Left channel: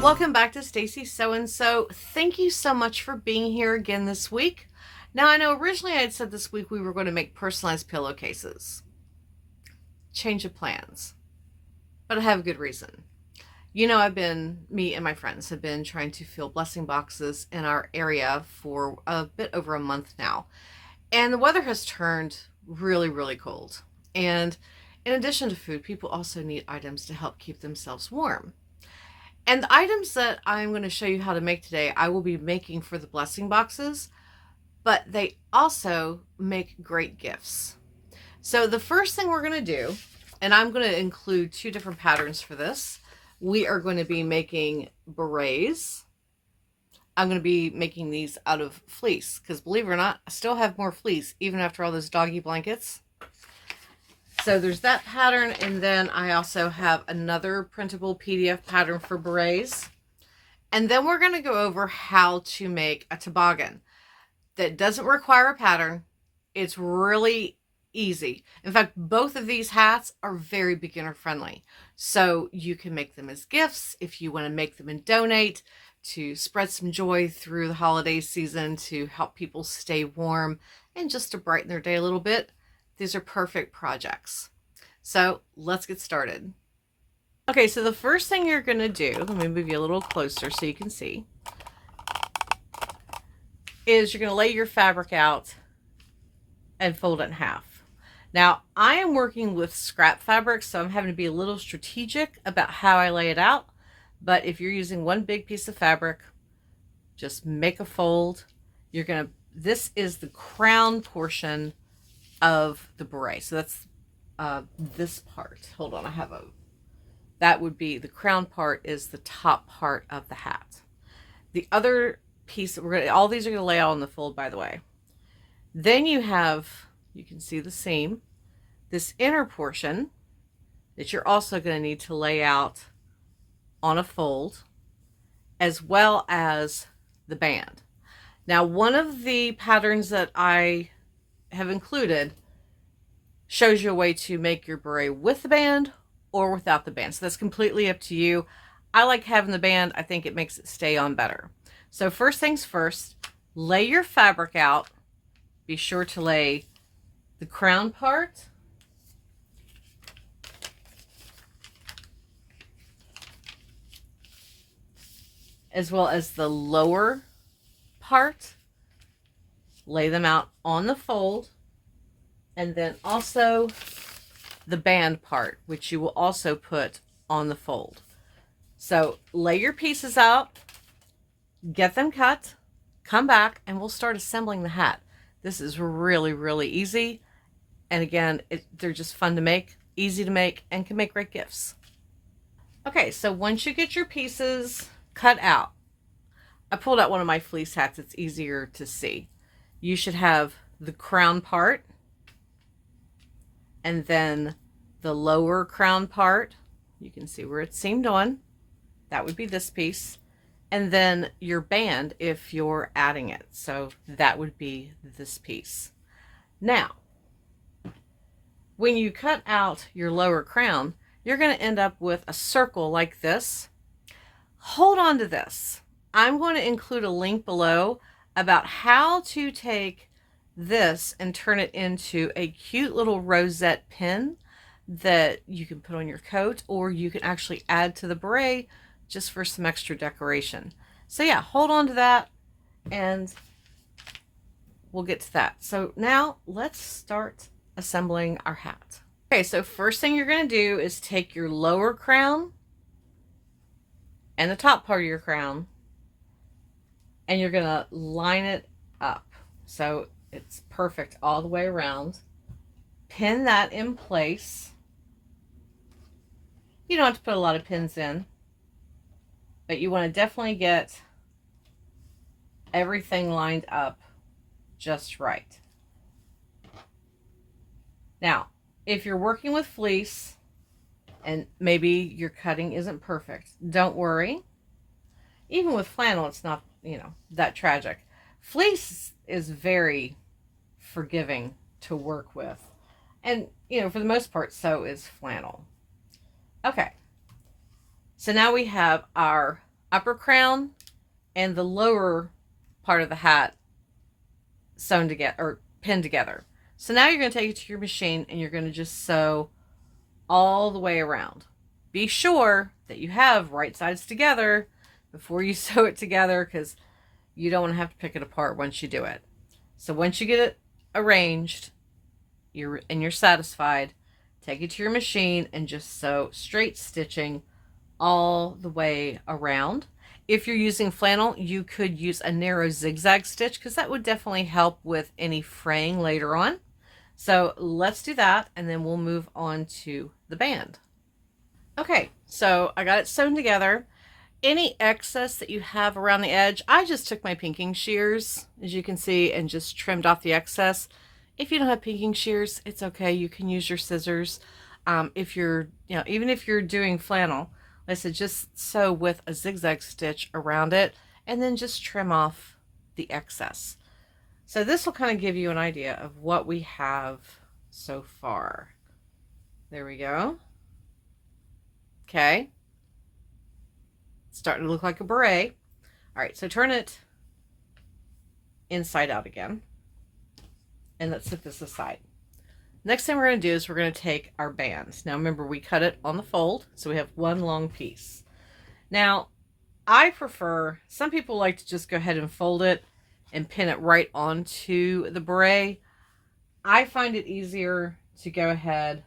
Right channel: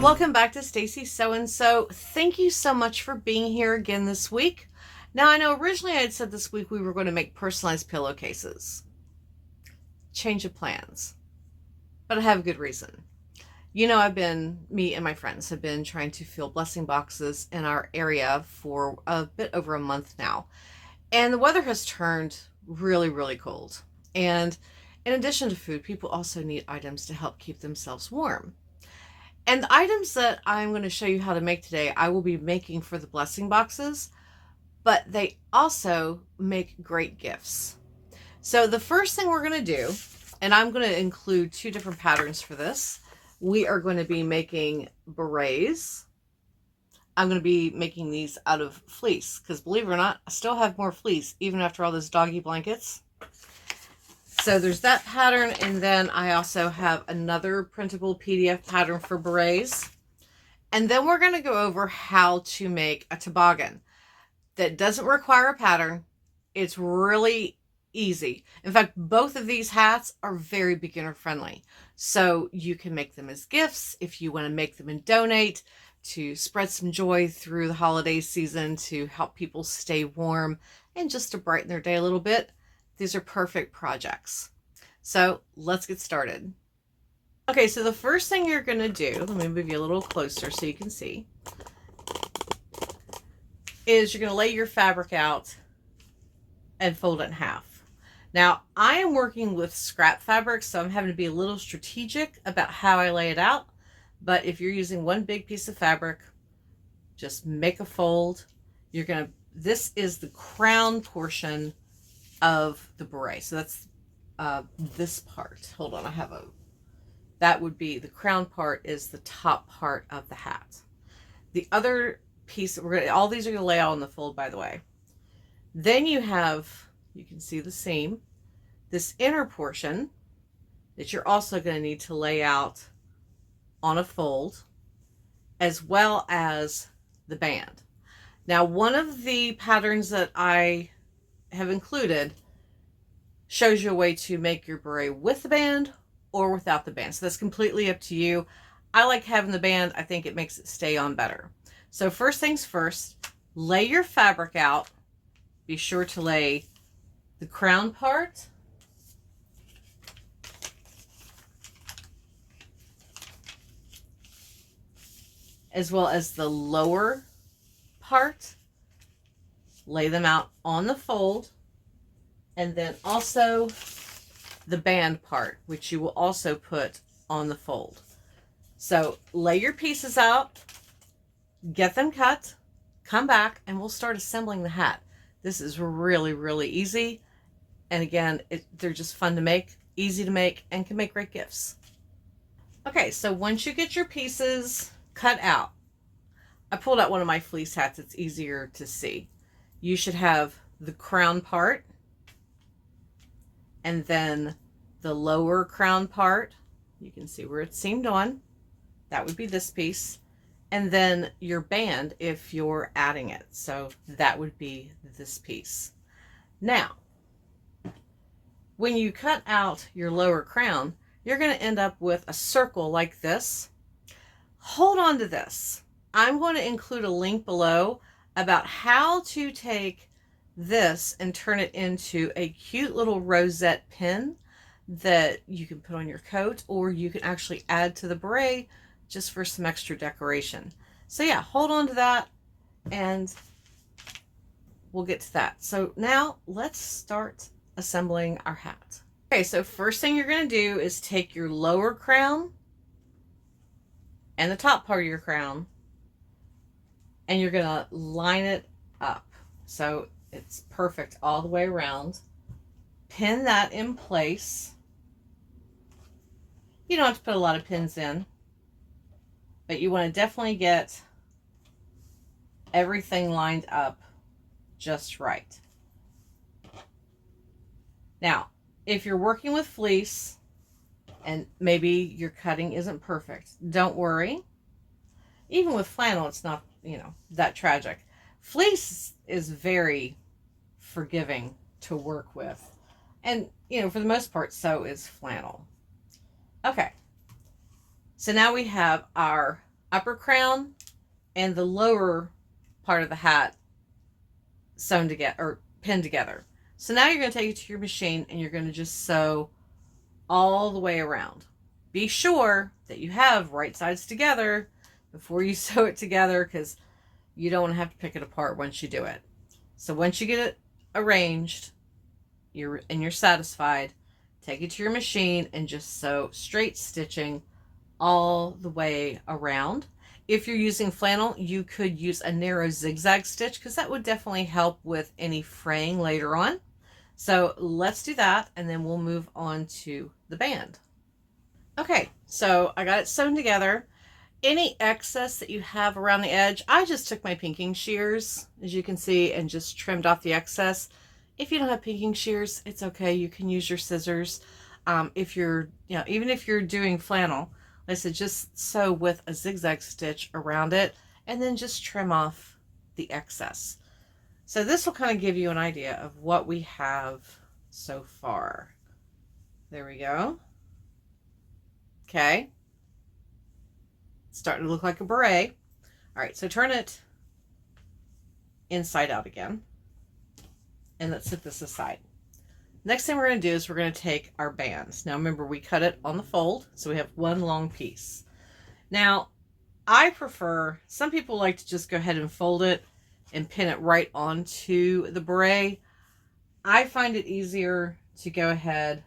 Welcome back to Stacy So-and-So. Thank you so much for being here again this week. Now, I know originally I had said this week we were going to make personalized pillowcases. Change of plans. But I have a good reason. You know, me and my friends have been trying to fill blessing boxes in our area for a bit over a month now. And the weather has turned really, really cold. And in addition to food, people also need items to help keep themselves warm. And the items that I'm going to show you how to make today, I will be making for the blessing boxes, but they also make great gifts. So the first thing we're going to do, and I'm going to include two different patterns for this. We are going to be making berets. I'm going to be making these out of fleece because, believe it or not, I still have more fleece even after all those doggy blankets. So there's that pattern, and then I also have another printable PDF pattern for berets. And then we're going to go over how to make a toboggan that doesn't require a pattern. It's really easy. In fact, both of these hats are very beginner friendly. So you can make them as gifts if you want to make them and donate to spread some joy through the holiday season, to help people stay warm and just to brighten their day a little bit. These are perfect projects. So let's get started. Okay, so the first thing you're going to do, let me move you a little closer so you can see, is you're going to lay your fabric out and fold it in half. Now, I am working with scrap fabric, so I'm having to be a little strategic about how I lay it out. But if you're using one big piece of fabric, just make a fold. This is the crown portion of the beret. So that's this part. Hold on, that would be the crown part, is the top part of the hat. The other piece, all these are going to lay out on the fold, by the way. Then you can see the seam, this inner portion that you're also going to need to lay out on a fold, as well as the band. Now, one of the patterns that I have included shows you a way to make your beret with the band or without the band. So that's completely up to you. I like having the band. I think it makes it stay on better. So first things first, lay your fabric out. Be sure to lay the crown part, as well as the lower part. Lay them out on the fold, and then also the band part, which you will also put on the fold. So lay your pieces out, get them cut, come back, and we'll start assembling the hat. This is really, really easy. And again, they're just fun to make, easy to make, and can make great gifts. Okay, so once you get your pieces cut out, I pulled out one of my fleece hats. It's easier to see. You should have the crown part, and then the lower crown part. You can see where it's seamed on. That would be this piece. And then your band if you're adding it. So that would be this piece. Now, when you cut out your lower crown, you're going to end up with a circle like this. Hold on to this. I'm going to include a link below about how to take this and turn it into a cute little rosette pin that you can put on your coat, or you can actually add to the beret just for some extra decoration. So yeah, hold on to that and we'll get to that. So now let's start assembling our hat. Okay, so first thing you're going to do is take your lower crown and the top part of your crown, and you're going to line it up so it's perfect all the way around. Pin that in place. You don't have to put a lot of pins in, but you want to definitely get everything lined up just right. Now, if you're working with fleece and maybe your cutting isn't perfect, don't worry. Even with flannel, it's not, that tragic. Fleece is very forgiving to work with. And, for the most part, so is flannel. Okay. So now we have our upper crown and the lower part of the hat sewn together or pinned together. So now you're going to take it to your machine and you're going to just sew all the way around. Be sure that you have right sides together before you sew it together, because you don't want to have to pick it apart once you do it. So once you get it arranged, you're satisfied, take it to your machine and just sew straight stitching all the way around. If you're using flannel, you could use a narrow zigzag stitch, because that would definitely help with any fraying later on. So let's do that, and then we'll move on to the band. Okay, so I got it sewn together. Any excess that you have around the edge, I just took my pinking shears, as you can see, and just trimmed off the excess. If you don't have pinking shears, it's okay. You can use your scissors. If you're, even if you're doing flannel, like I said, just sew with a zigzag stitch around it and then just trim off the excess. So this will kind of give you an idea of what we have so far. There we go. Okay. It's starting to look like a beret. All right, so turn it inside out again. And let's set this aside. Next thing we're going to do is we're going to take our bands. Now remember, we cut it on the fold, so we have one long piece. Now, I prefer, some people like to just go ahead and fold it and pin it right onto the beret. I find it easier to go ahead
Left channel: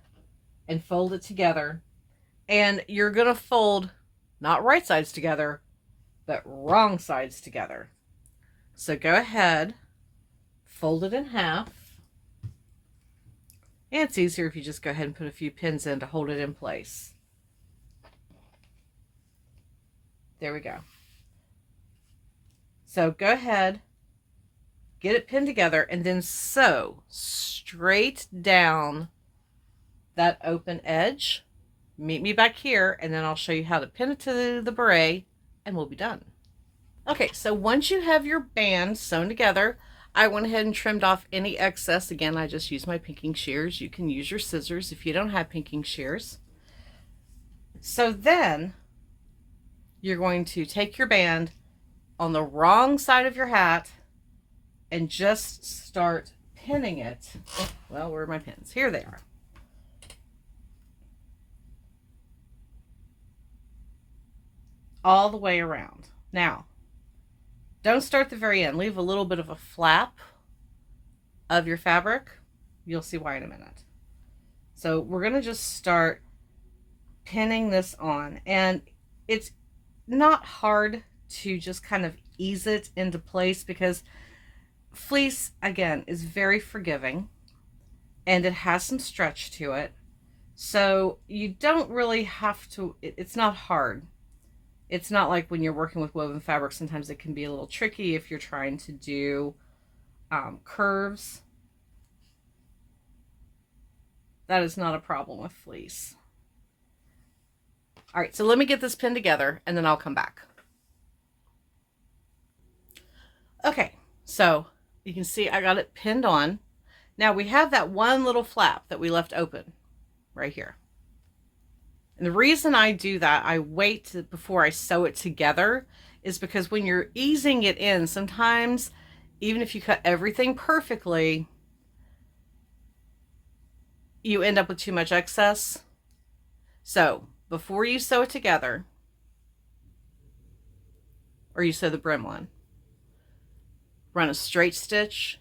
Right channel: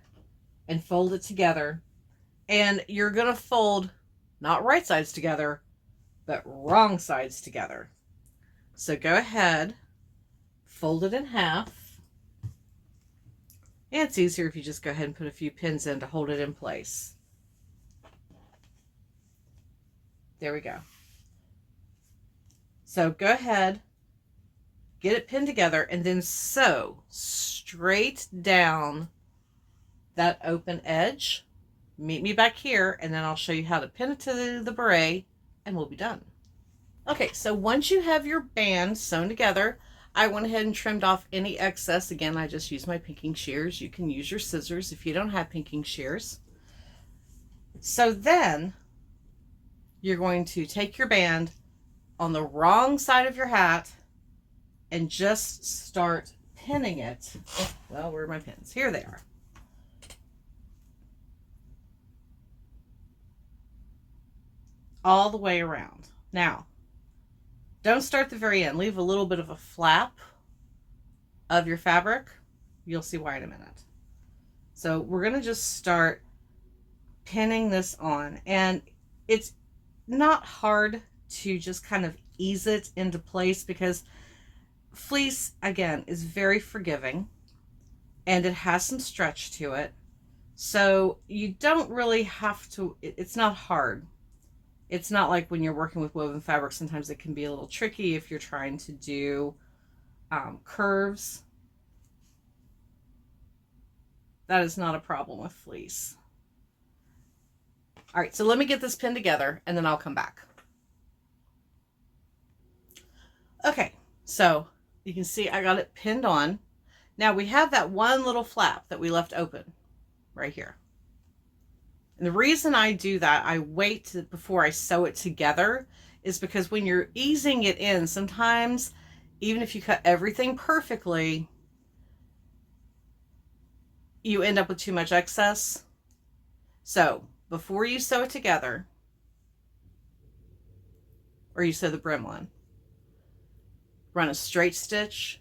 and fold it together. And you're going to fold not right sides together, but wrong sides together. So go ahead, fold it in half. And it's easier if you just go ahead and put a few pins in to hold it in place. There we go. So go ahead, get it pinned together, and then sew straight down that open edge. Meet me back here, and then I'll show you how to pin it to the beret, and we'll be done. Okay, so once you have your band sewn together, I went ahead and trimmed off any excess. Again, I just used my pinking shears. You can use your scissors if you don't have pinking shears. So then you're going to take your band on the wrong side of your hat and just start pinning it. Well, where are my pins? Here they are. All the way around. Now, don't start the very end. Leave a little bit of a flap of your fabric. You'll see why in a minute. So we're going to just start pinning this on. And it's not hard to just kind of ease it into place, because fleece, again, is very forgiving and it has some stretch to it. So you don't really have to, it's not hard. It's not like when you're working with woven fabric, sometimes it can be a little tricky if you're trying to do curves. That is not a problem with fleece. All right, so let me get this pinned together and then I'll come back. Okay, so you can see I got it pinned on. Now we have that one little flap that we left open right here. And the reason I do that, I wait before I sew it together, is because when you're easing it in, sometimes even if you cut everything perfectly, you end up with too much excess. So before you sew it together, or you sew the brim on, run a straight stitch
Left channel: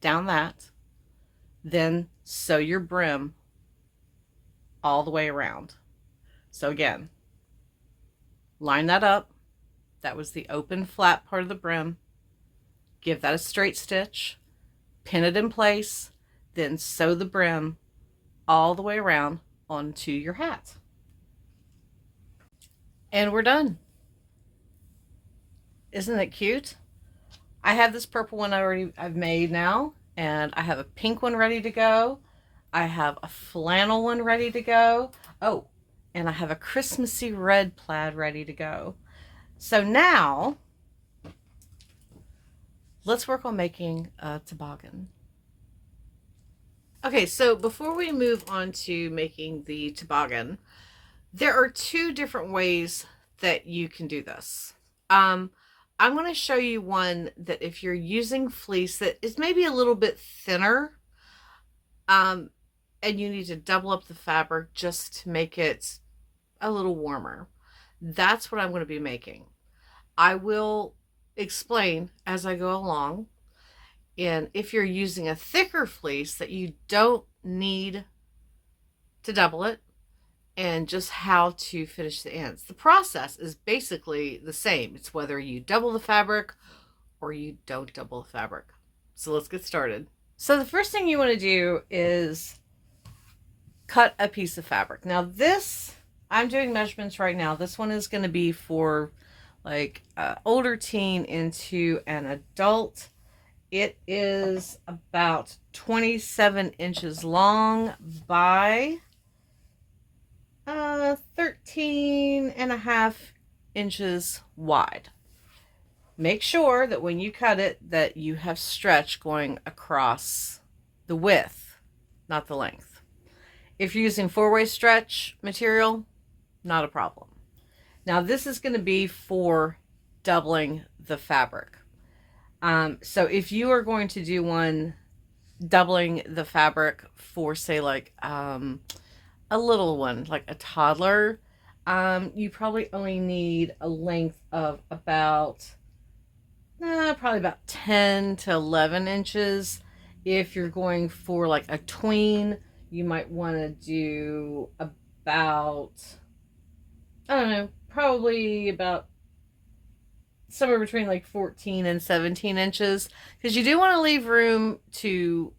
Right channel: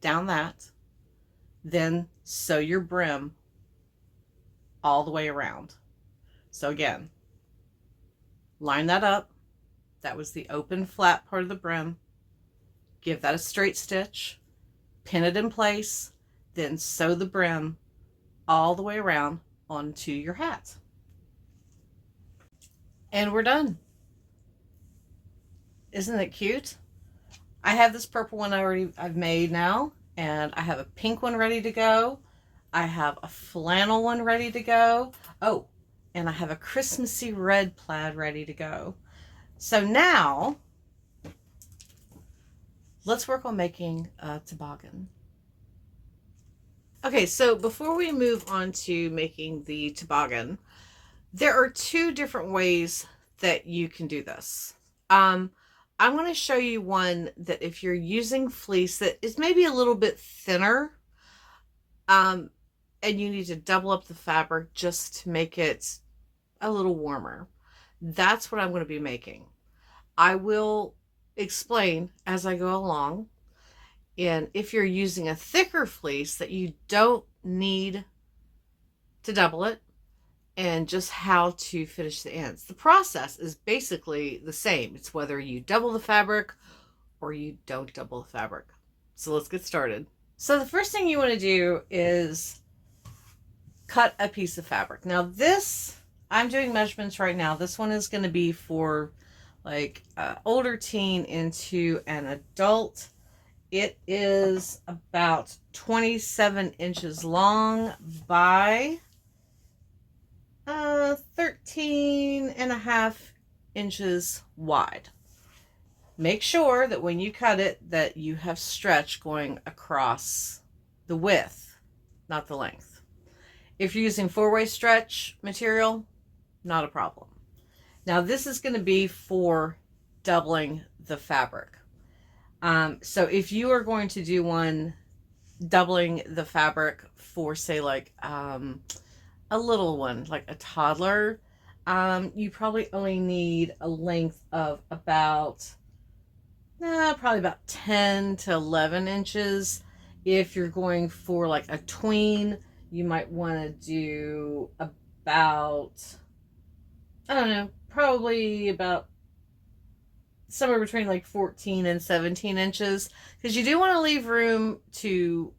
down that, then sew your brim all the way around. So again, line that up. That was the open flat part of the brim. Give that a straight stitch, pin it in place, then sew the brim all the way around onto your hat. And we're done. Isn't it cute? I have this purple one I've made now, and I have a pink one ready to go. I have a flannel one ready to go. Oh, and I have a Christmassy red plaid ready to go. So now, let's work on making a toboggan. Okay, so before we move on to making the toboggan, there are two different ways that you can do this. I'm going to show you one that if you're using fleece that is maybe a little bit thinner, and you need to double up the fabric just to make it a little warmer. That's what I'm going to be making. I will explain as I go along. And if you're using a thicker fleece that you don't need to double it, and just how to finish the ends. The process is basically the same. It's whether you double the fabric or you don't double the fabric. So let's get started. So the first thing you want to do is cut a piece of fabric. Now this, I'm doing measurements right now. This one is going to be for like older teen into an adult. It is about 27 inches long by 13.5 inches wide. Make sure that when you cut it that you have stretch going across the width, not the length. If you're using 4-way stretch material, not a problem. Now this is going to be for doubling the fabric. So if you are going to do one doubling the fabric for, say, like a little one, like a toddler, you probably only need a length of about probably about 10 to 11 inches. If you're going for like a tween, you might want to do about, I don't know, probably about somewhere between like 14 and 17 inches, because you do want to leave room to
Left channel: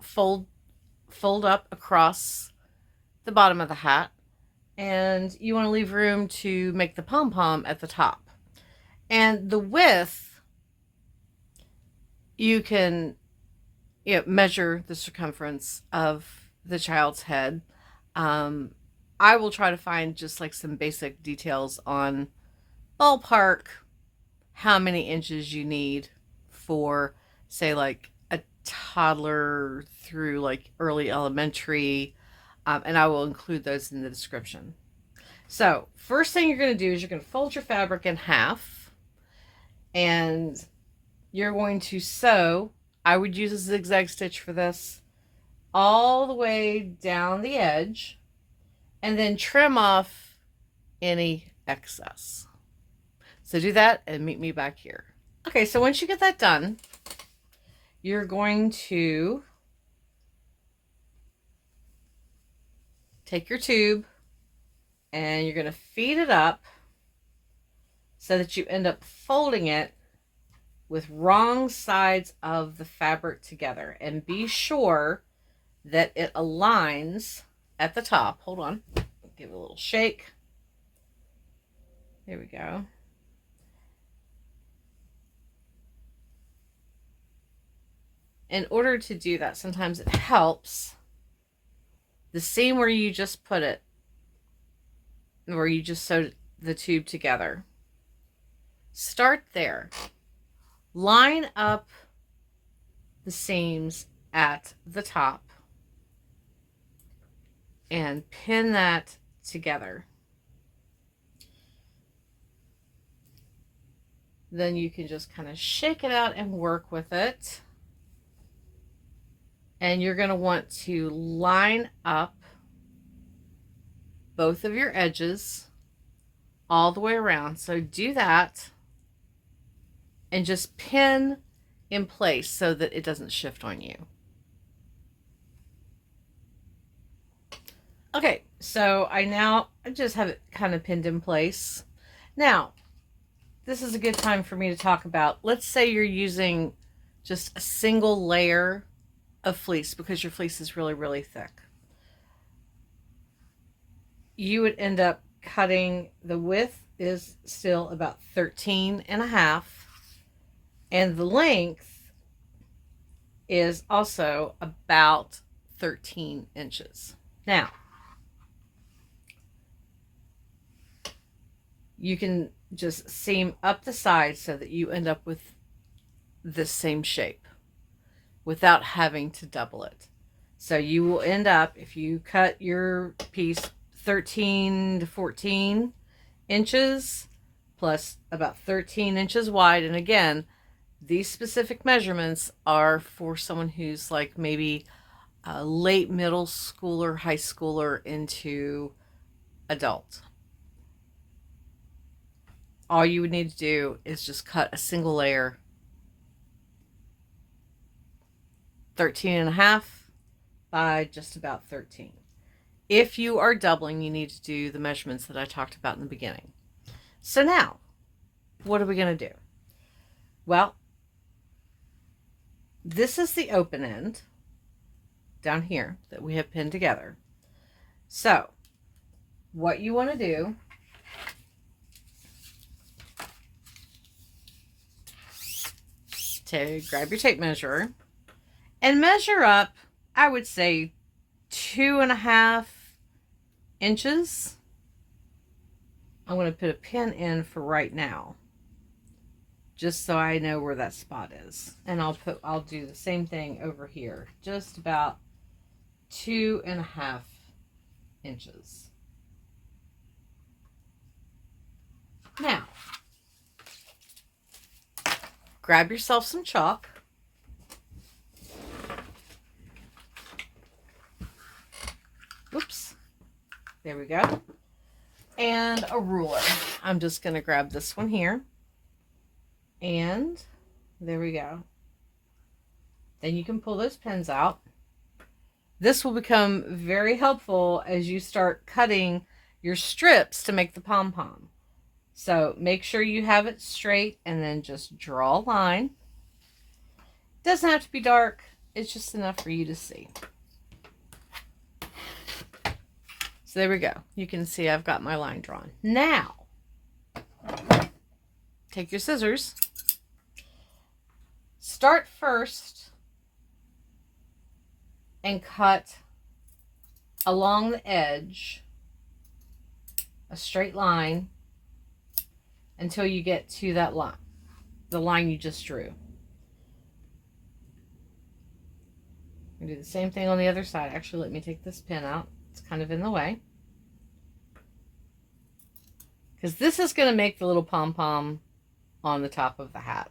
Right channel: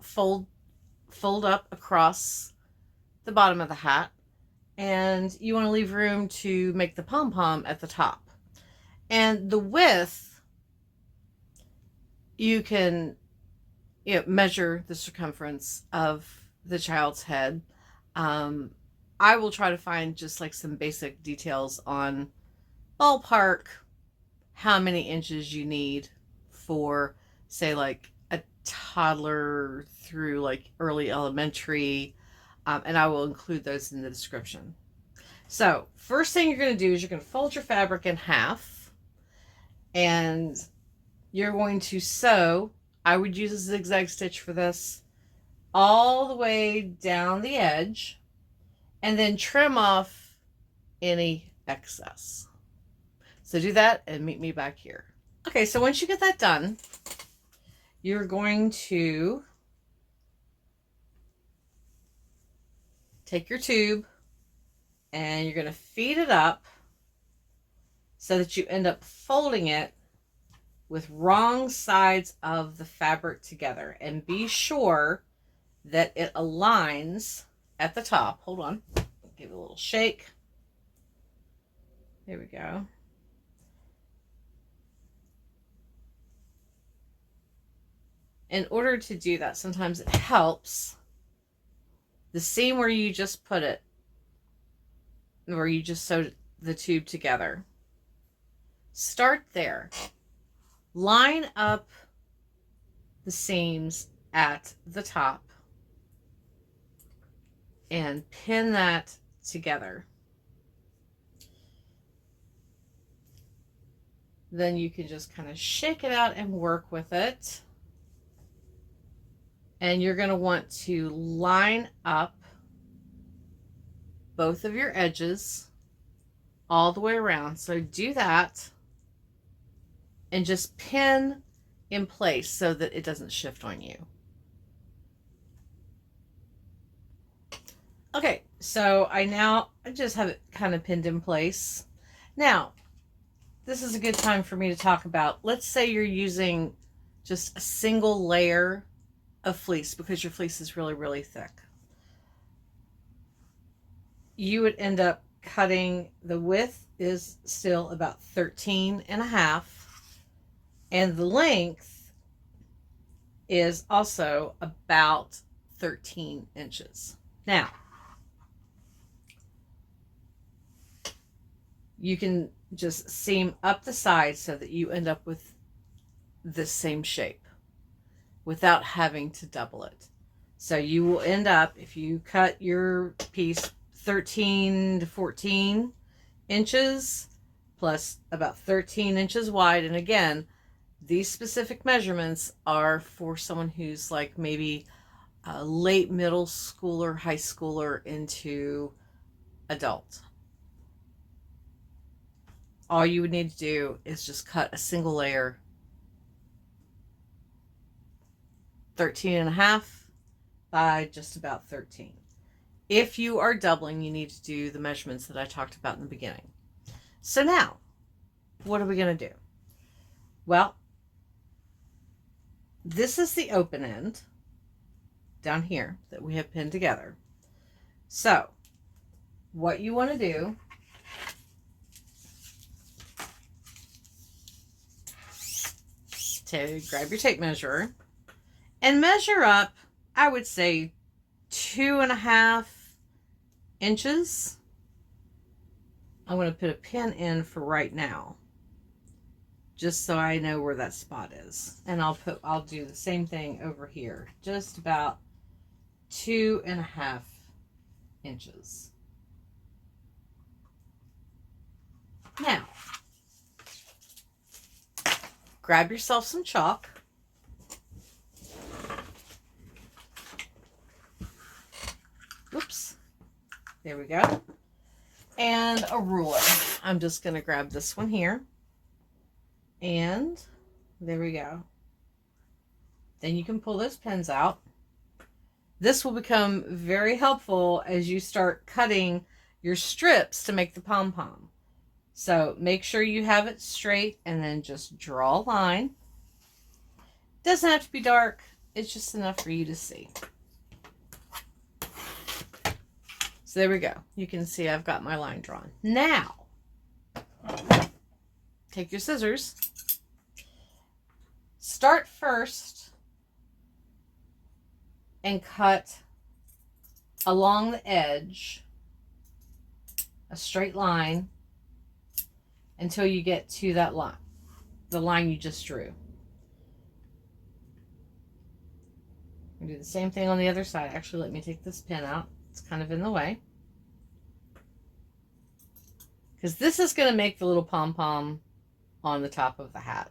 fold up across the bottom of the hat, and you want to leave room to make the pom-pom at the top. And the width, you can measure the circumference of the child's head. I will try to find just like some basic details on ballpark how many inches you need for, say, like a toddler through like early elementary. And I will include those in the description. So first thing you're going to do is you're going to fold your fabric in half, and you're going to sew. I would use a zigzag stitch for this, all the way down the edge, and then trim off any excess. So do that and meet me back here. Okay, so once you get that done, you're going to take your tube and you're going to feed it up so that you end up folding it with wrong sides of the fabric together. And be sure that it aligns at the top. Hold on. Give it a little shake. There we go. In order to do that, sometimes it helps the seam where you just put it, where you just sewed the tube together. Start there. Line up the seams at the top and pin that together. Then you can just kind of shake it out and work with it. And you're going to want to line up both of your edges all the way around. So do that and just pin in place so that it doesn't shift on you. Okay, so I just have it kind of pinned in place. Now, this is a good time for me to talk about, let's say you're using just a single layer of fleece because your fleece is really, really thick. You would end up cutting, the width is still about 13.5, and the length is also about 13 inches. Now, you can just seam up the sides so that you end up with this same shape without having to double it. So you will end up, if you cut your piece 13 to 14, inches plus about 13 inches wide. And again, these specific measurements are for someone who's like maybe a late middle schooler, high schooler into adult. All you would need to do is just cut a single layer, 13.5 by just about 13. If you are doubling, you need to do the measurements that I talked about in the beginning. So now, what are we going to do? Well, this is the open end down here that we have pinned together. So, what you want to do to grab your tape measure and measure up, I would say 2.5 inches. I'm going to put a pin in for right now, just so I know where that spot is. And I'll do the same thing over here, just about 2.5 inches. Now, grab yourself some chalk. Whoops. There we go. And a ruler. I'm just going to grab this one here. And there we go. Then you can pull those pins out. This will become very helpful as you start cutting your strips to make the pom-pom. So make sure you have it straight and then just draw a line. Doesn't have to be dark. It's just enough for you to see. So there we go. You can see I've got my line drawn. Now, take your scissors. Start first and cut along the edge a straight line until you get to that line, the line you just drew. I'm going to do the same thing on the other side. Actually, let me take this pin out. It's kind of in the way. Because this is going to make the little pom-pom on the top of the hat.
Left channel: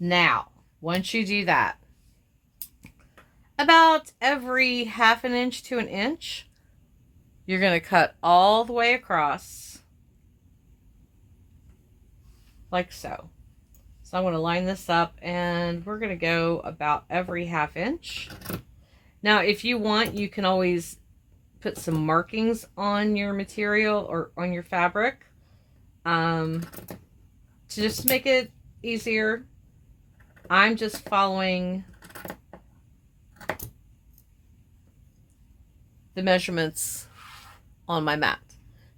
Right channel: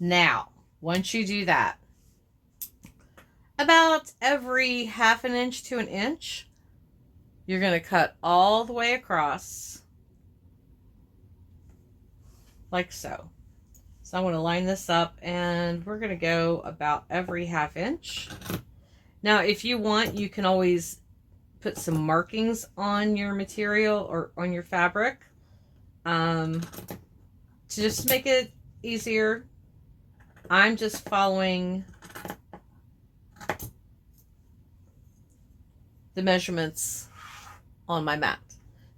Now, once you do that, about every 1/2 inch to 1 inch, you're going to cut all the way across, like so. So I'm going to line this up, and we're going to go about every 1/2 inch. Now, if you want, you can always put some markings on your material or on your fabric to just make it easier. I'm just following the measurements on my mat.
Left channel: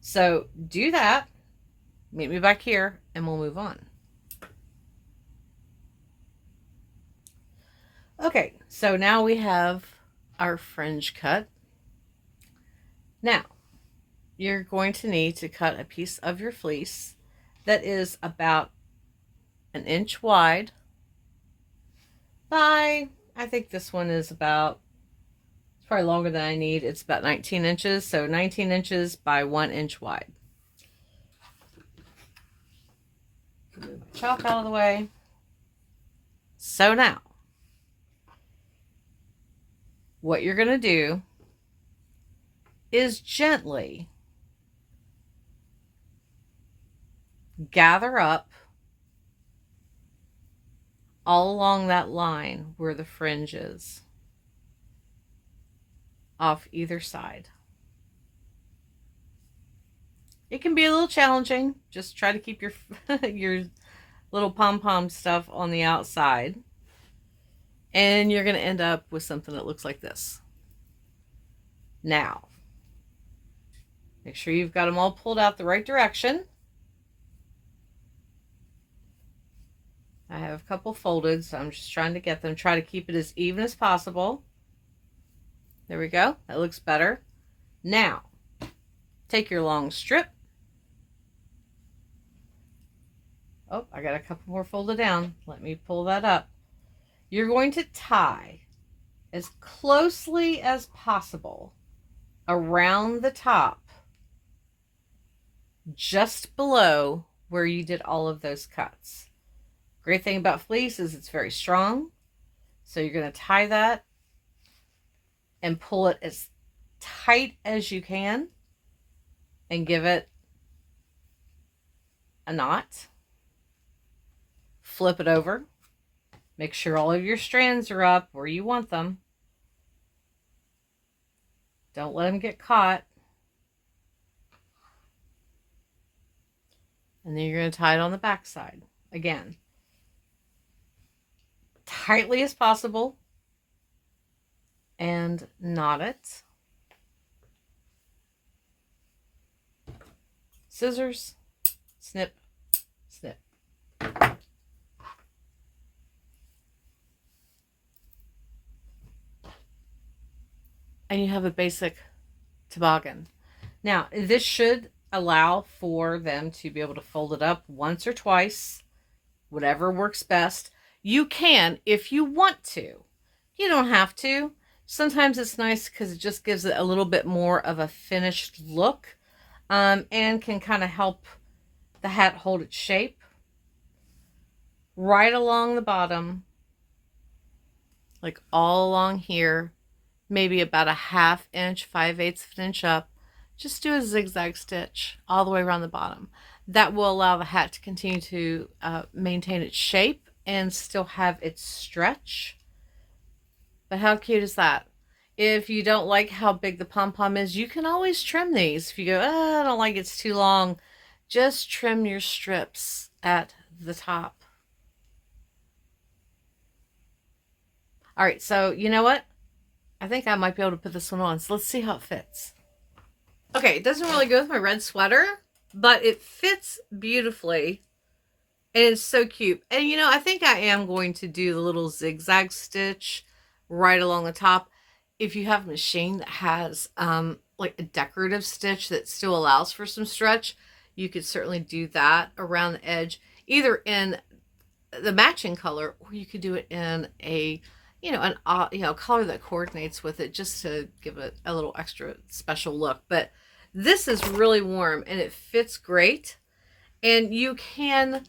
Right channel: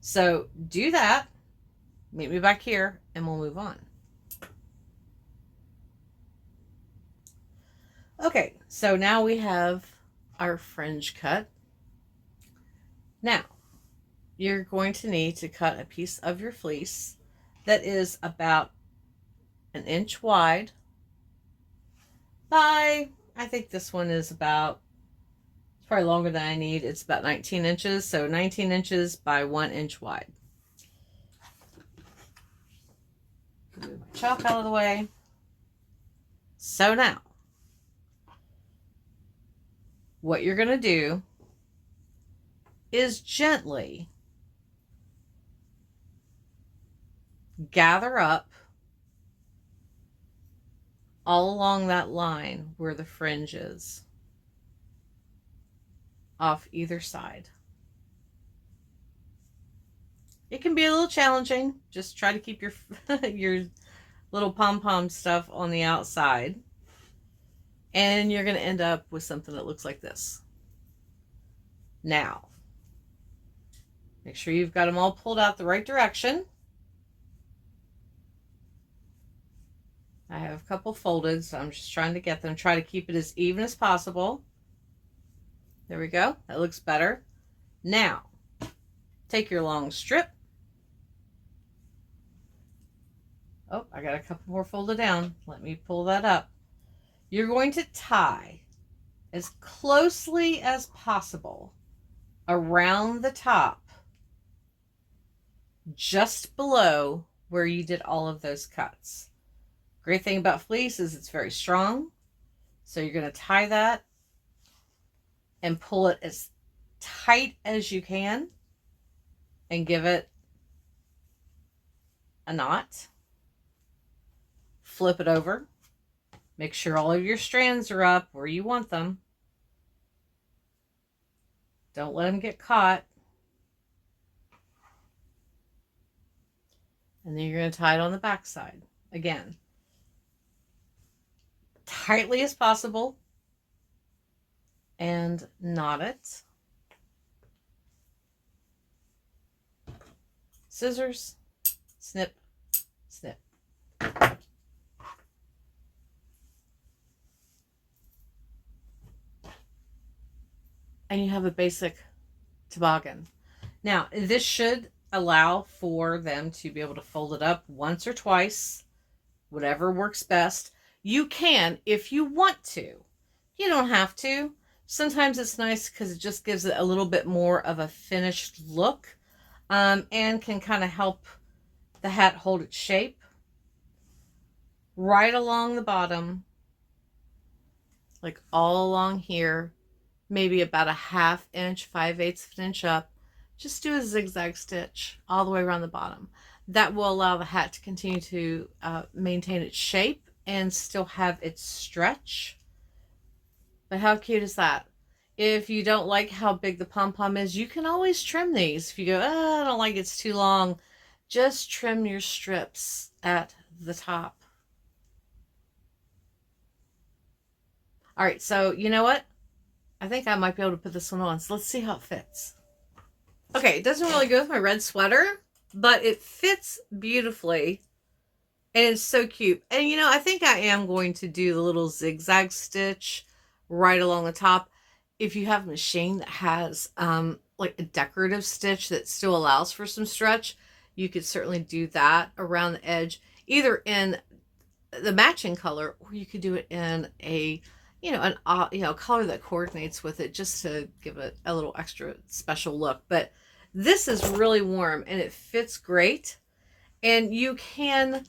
So do that, meet me back here, and we'll move on. Okay, so now we have our fringe cut. Now, you're going to need to cut a piece of your fleece that is about 1 inch wide by, I think this one is about, it's probably longer than I need. It's about 19 inches, so 19 inches by 1 inch wide. Move my chalk out of the way. So now, what you're going to do is gently gather up all along that line where the fringe is, off either side. It can be a little challenging. Just try to keep your your little pom-pom stuff on the outside, and you're going to end up with something that looks like this. Now, make sure you've got them all pulled out the right direction. I have a couple folded, so I'm just trying to get them. Try to keep it as even as possible. There we go. That looks better. Now, take your long strip. Oh, I got a couple more folded down. Let me pull that up. You're going to tie as closely as possible around the top, just below where you did all of those cuts. Great thing about fleece is it's very strong. So you're going to tie that and pull it as tight as you can and give it a knot. Flip it over. Make sure all of your strands are up where you want them. Don't let them get caught. And then you're going to tie it on the back side. Again, tightly as possible. And knot it. Scissors, snip, snip. And you have a basic toboggan. Now, this should allow for them to be able to fold it up once or twice, whatever works best. You can if you want to. You don't have to. Sometimes it's nice because it just gives it a little bit more of a finished look, and can kind of help the hat hold its shape. Right along the bottom, like all along here, maybe about a 1/2 inch, 5/8 of an inch up, just do a zigzag stitch all the way around the bottom. That will allow the hat to continue to maintain its shape and still have its stretch. But how cute is that? If you don't like how big the pom-pom is, you can always trim these. If you go, oh, I don't like it's too long, just trim your strips at the top. All right, so you know what? I think I might be able to put this one on. So let's see how it fits. Okay, it doesn't really go with my red sweater, but it fits beautifully. And it's so cute. And you know, I think I am going to do the little zigzag stitch right along the top. If you have a machine that has like a decorative stitch that still allows for some stretch, you could certainly do that around the edge, either in the matching color, or you could do it in a color that coordinates with it, just to give it a little extra special look. But this is really warm and it fits great. And you can,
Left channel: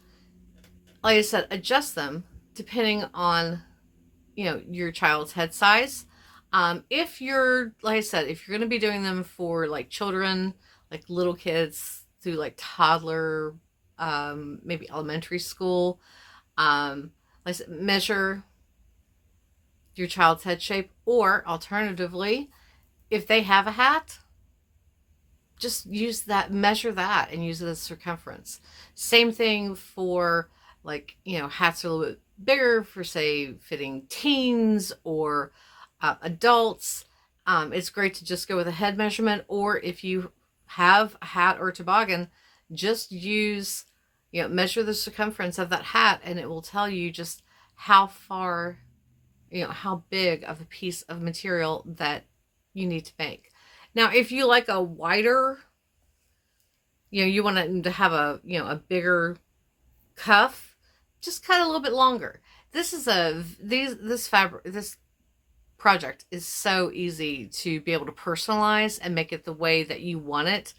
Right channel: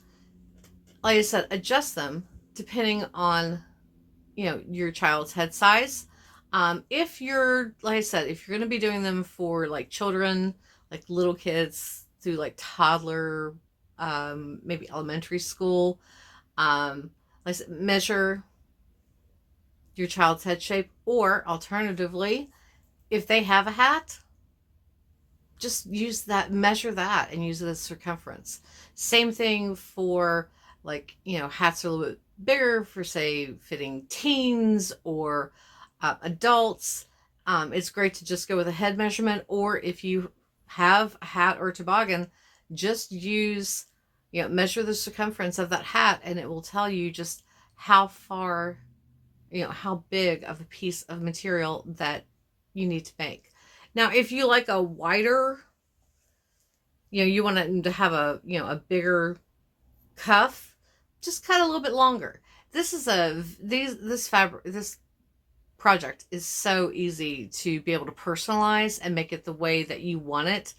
like I said, adjust them depending on, your child's head size. If you're, like I said, if you're going to be doing them for like children, like little kids through like toddler, maybe elementary school, like I said, measure your child's head shape, or alternatively, if they have a hat, just use that, measure that and use it as circumference. Same thing for like, hats are a little bit bigger for, say, fitting teens or adults. It's great to just go with a head measurement, or if you have a hat or a toboggan, just use, measure the circumference of that hat and it will tell you just how far, how big of a piece of material that you need to make. Now, if you like a wider, you want it to have a, a bigger cuff, just cut a little bit longer. This project is so easy to be able to personalize and make it the way that you want it.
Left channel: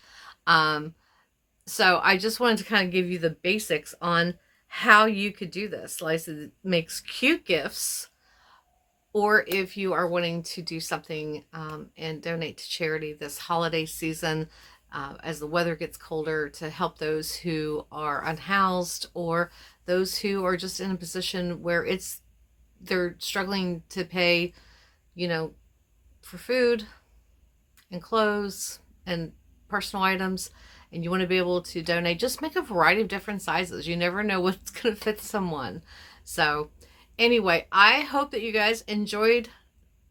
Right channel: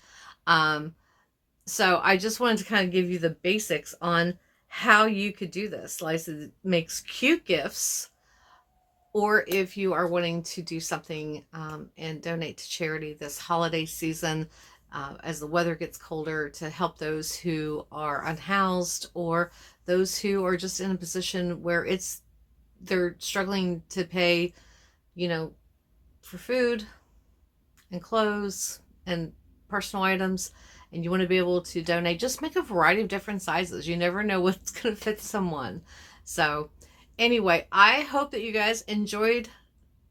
So I just wanted to kind of give you the basics on how you could do this. Like I said, it makes cute gifts. Or if you are wanting to do something and donate to charity this holiday season, as the weather gets colder, to help those who are unhoused or those who are just in a position where they're struggling to pay, for food and clothes and personal items, and you want to be able to donate, just make a variety of different sizes. You never know what's going to fit someone. So anyway, I hope that you guys enjoyed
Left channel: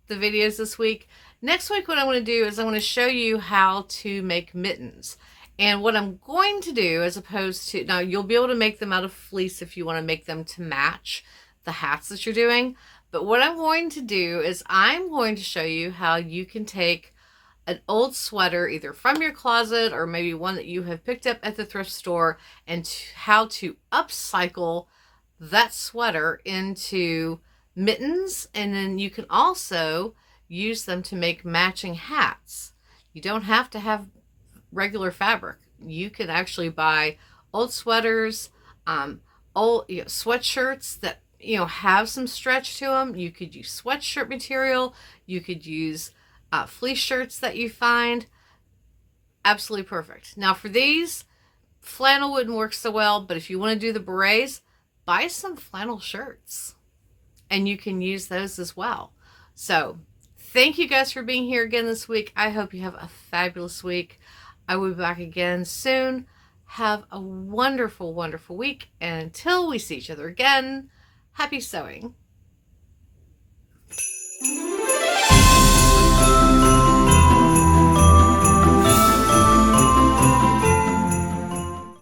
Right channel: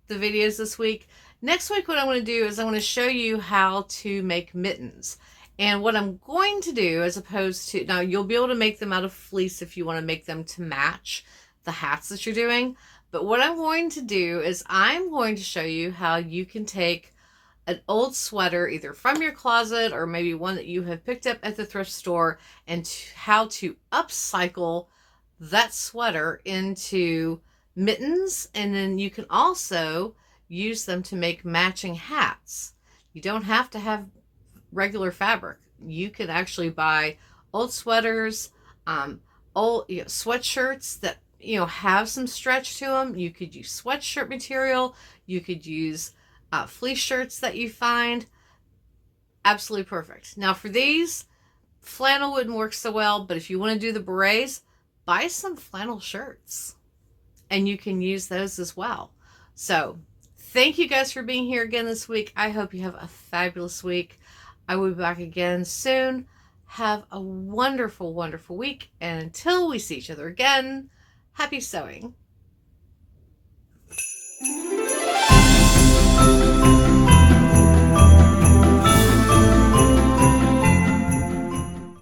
the videos this week. Next week, what I want to do is I want to show you how to make mittens. And what I'm going to do, as opposed to, now you'll be able to make them out of fleece if you want to make them to match the hats that you're doing. But what I'm going to do is I'm going to show you how you can take an old sweater, either from your closet or maybe one that you have picked up at the thrift store, and how to upcycle that sweater into mittens. And then you can also use them to make matching hats. You don't have to have regular fabric. You can actually buy old sweaters, old sweatshirts that have some stretch to them. You could use sweatshirt material. You could use fleece shirts that you find. Absolutely perfect. Now for these, flannel wouldn't work so well, but if you want to do the berets, buy some flannel shirts and you can use those as well. So thank you guys for being here again this week. I hope you have a fabulous week. I will be back again soon. Have a wonderful, wonderful week. And until we see each other again, happy sewing.